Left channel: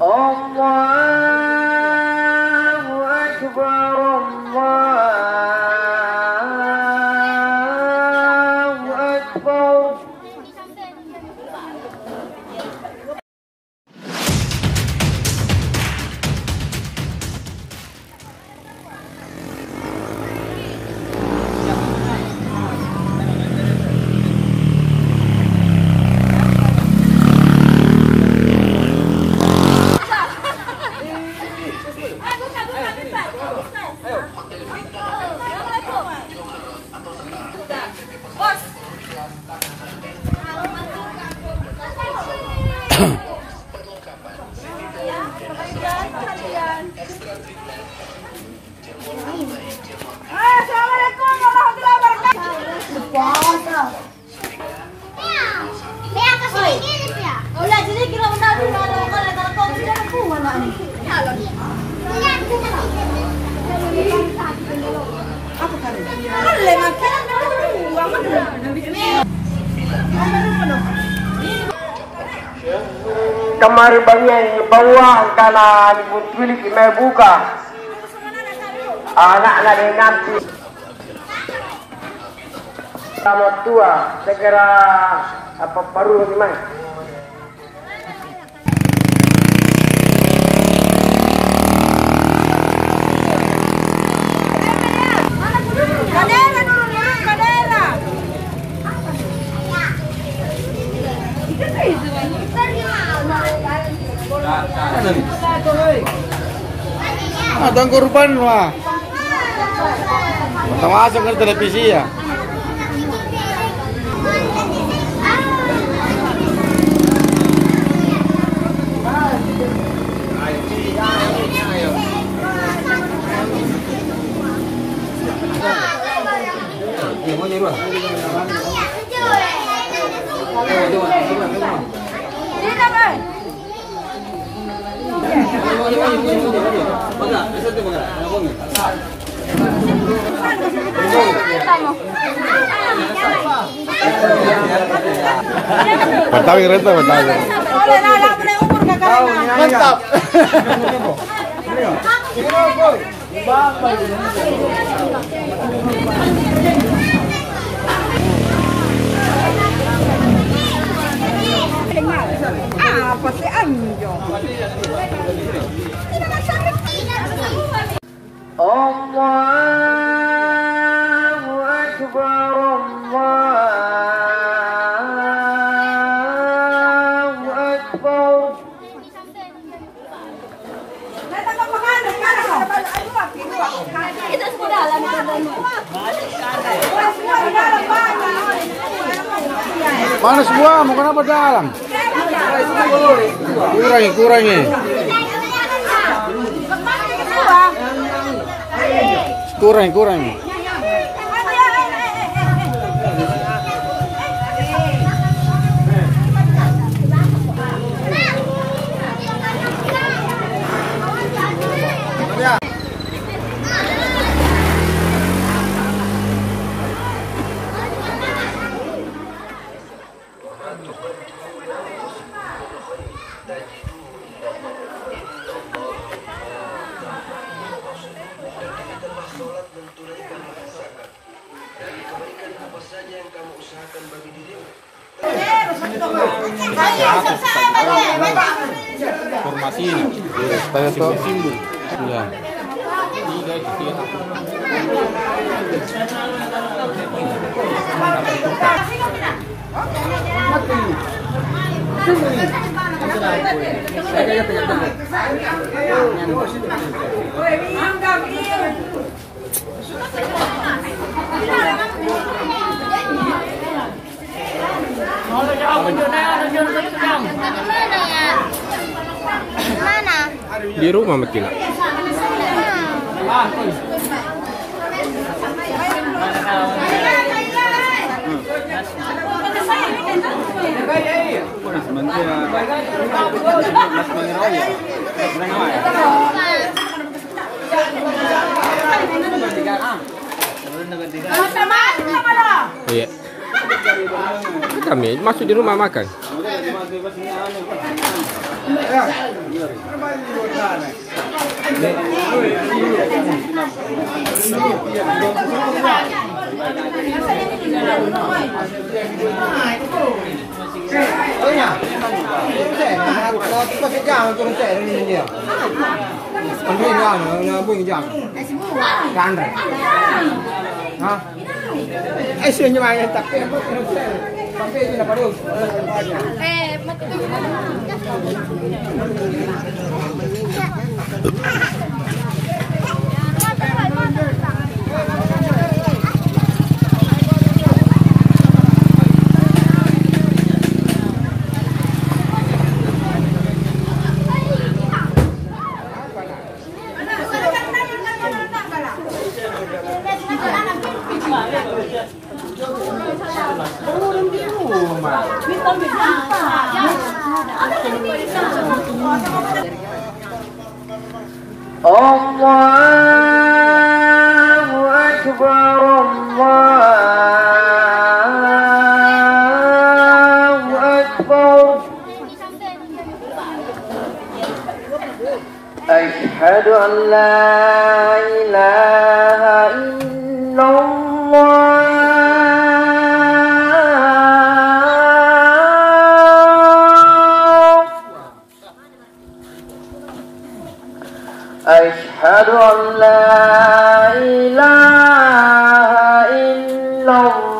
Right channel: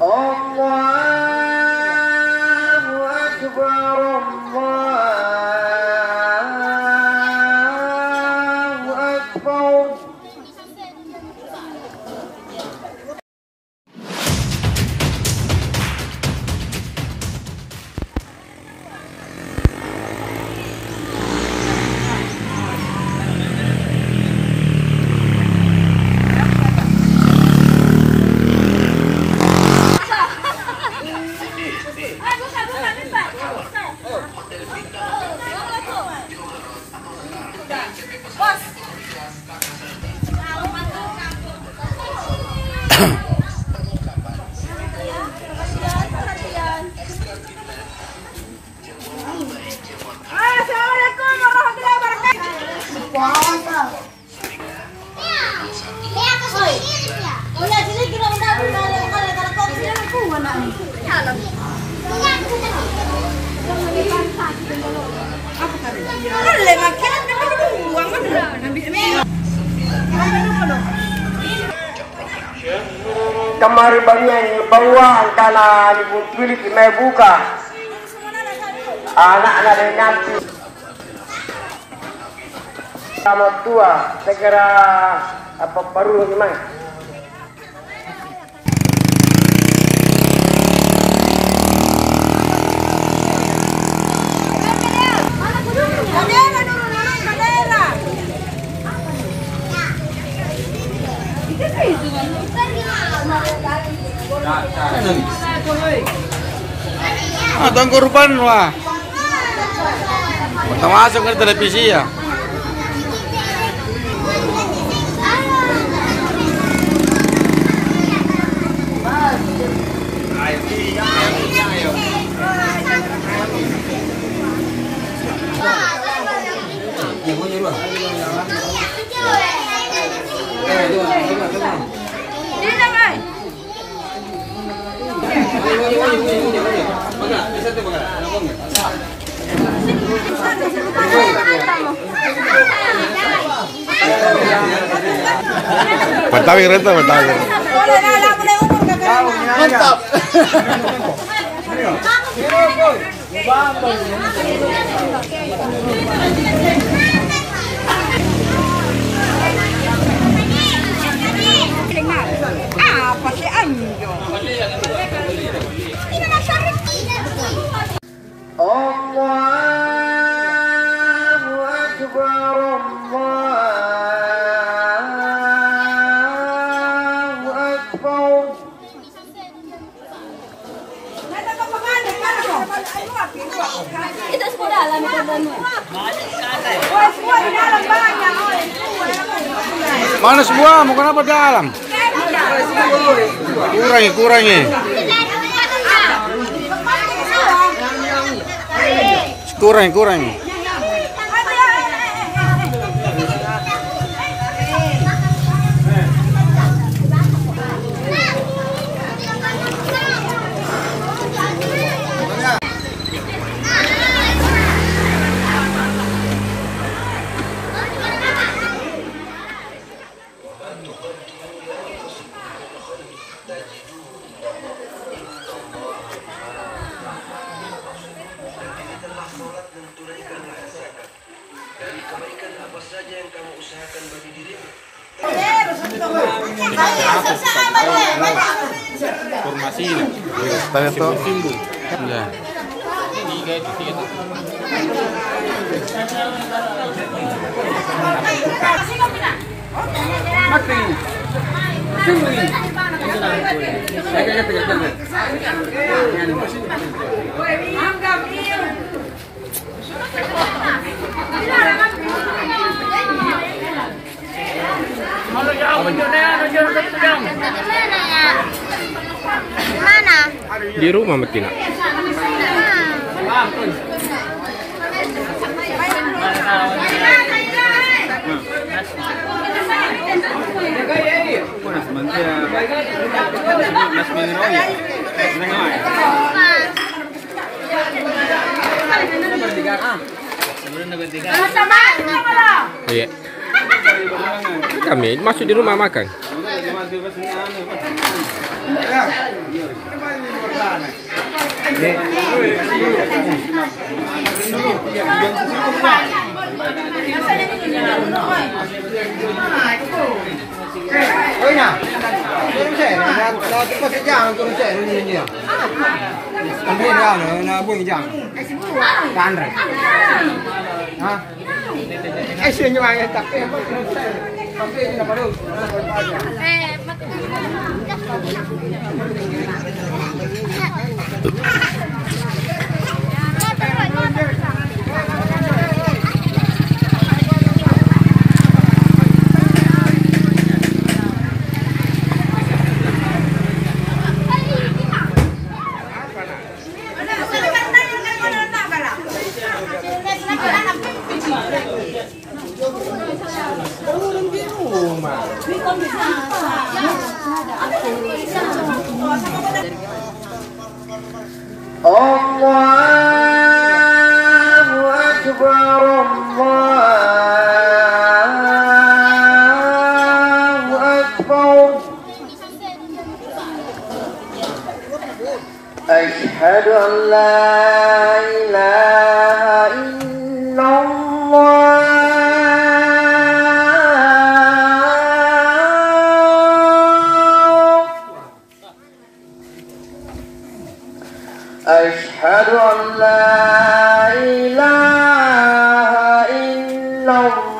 Allahu Akbar, Allahu Akbar. Kamari banyak bawang tanah pilih may buka anak-anak dia nanti sama tua segera apa baru gimana Tuan korban wah. Pertama masuk ke televisi ya. Betawi renta Betawi. Mantap. Apa sih anjo? Allahu Akbar, Allahu Akbar. Itu semua dalam Mana semua? Mau kenapa dalam? Kurangi. Kurangi. Formasi. Tanya tuh. Ya. Mana? Di rumah makin. Iya. Kami masuk di rumah makan. Ôi nào, con trẻ này nó có cái chàng con trẻ nó như nhiều. Con biết ra nó buông chàng. Can rồi. Hả? Ai xuyên như vậy tập cái con trẻ. Con biết là bắt đầu. Allahu Akbar, Allahu Akbar. Ashhadu an la ilaha illallah. Ashhadu an la ilaha illallah.